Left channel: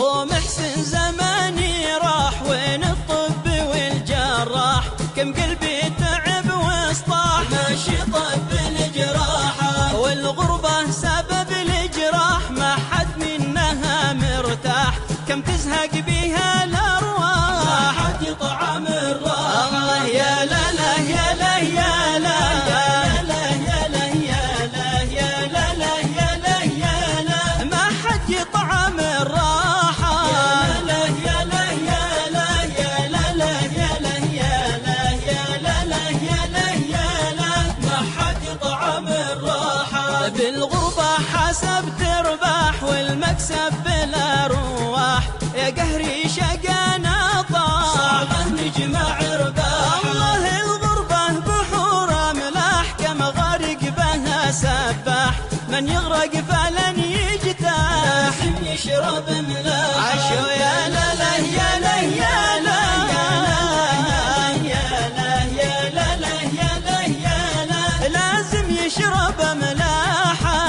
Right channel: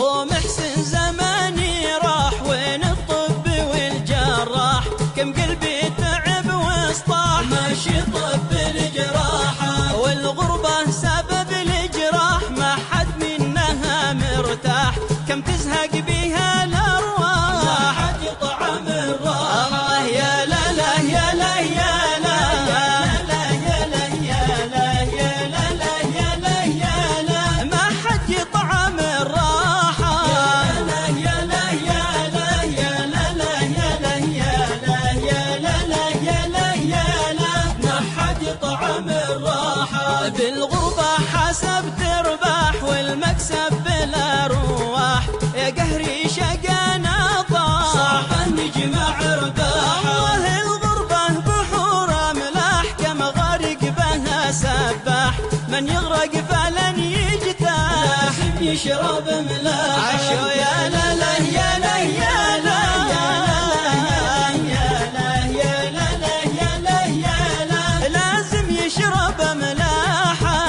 ومحسن زماني راح وين الطب والجراح، كم قلبي تعب واصطاح ماشي طب الجراح، والغربة سبب الجراح ما حد منها مرتاح، كم تزهق بيها الأرواح ما حد يطعم الراحة. الله يا لا لا يا لا يا لا ما حد يطعم الراحة. بالغربة حسب ترباح والمكسب بالأرواح، يا قهري شقانا طاح نجمع رباح. الله الغربة بحور ملاح كم غارق بها سباح، من يغرق فلن يجتاح يشرب ملاح. عشو يا لا لا يا لا يا لا لازم يشرب ملاحة.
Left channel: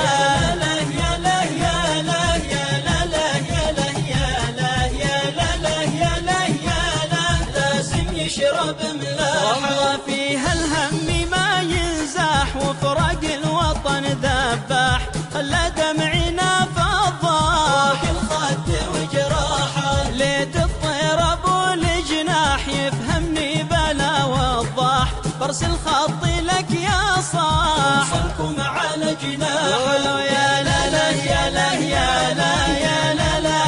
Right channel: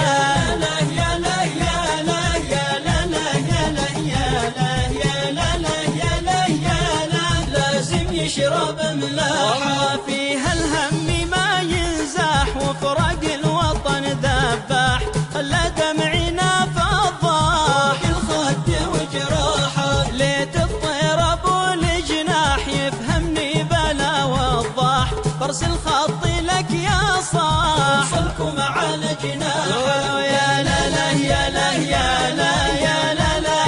والله فيها الهم ما ينزاح وفرق الوطن ذباح، خلى دمعنا فضاح ليت الطير ابو الجناح يفهمني بلا وضاح، برسل خطي لك يا صاح قولوا يا لا لا يا لا يا لا يا لا لا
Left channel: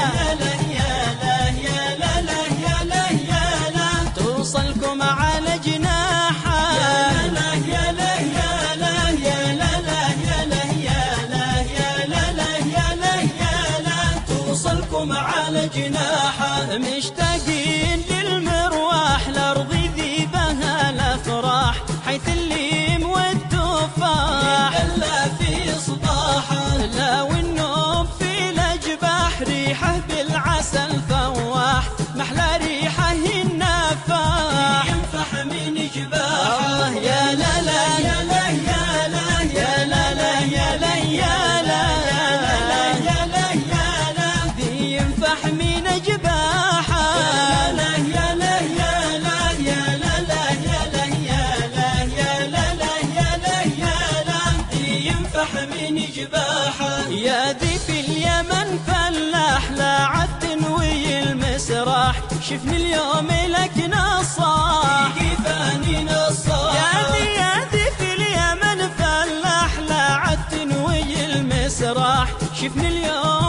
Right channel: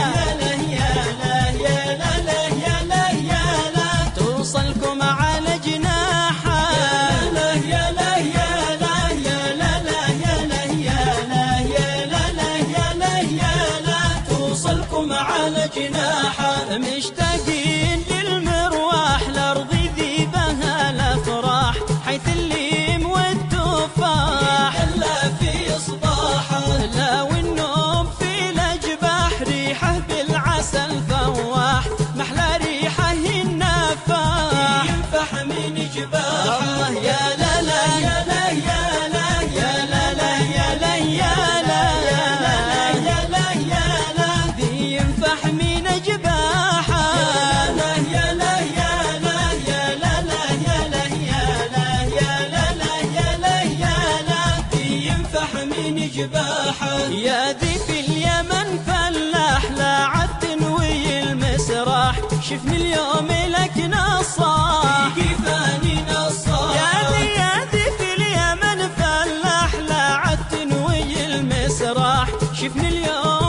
توصلكم على جناحه. مشتاقين للمرواح لأرض ذي بها الأفراح، حيث الليم والتفاح لا والنوم في الأجباح، ريحه بالعسل فواح محلى ريحه النفاح. الله يا لا لا يا لا يا لا يا لا ذي ينفح من جباحه. يا ذي في اليمن فلاح لا عد تنوي المسراح، شفني اليوم لك نصاح. يا ذي في اليمن فلاح لا عد تنوي المسراح، شفني اليوم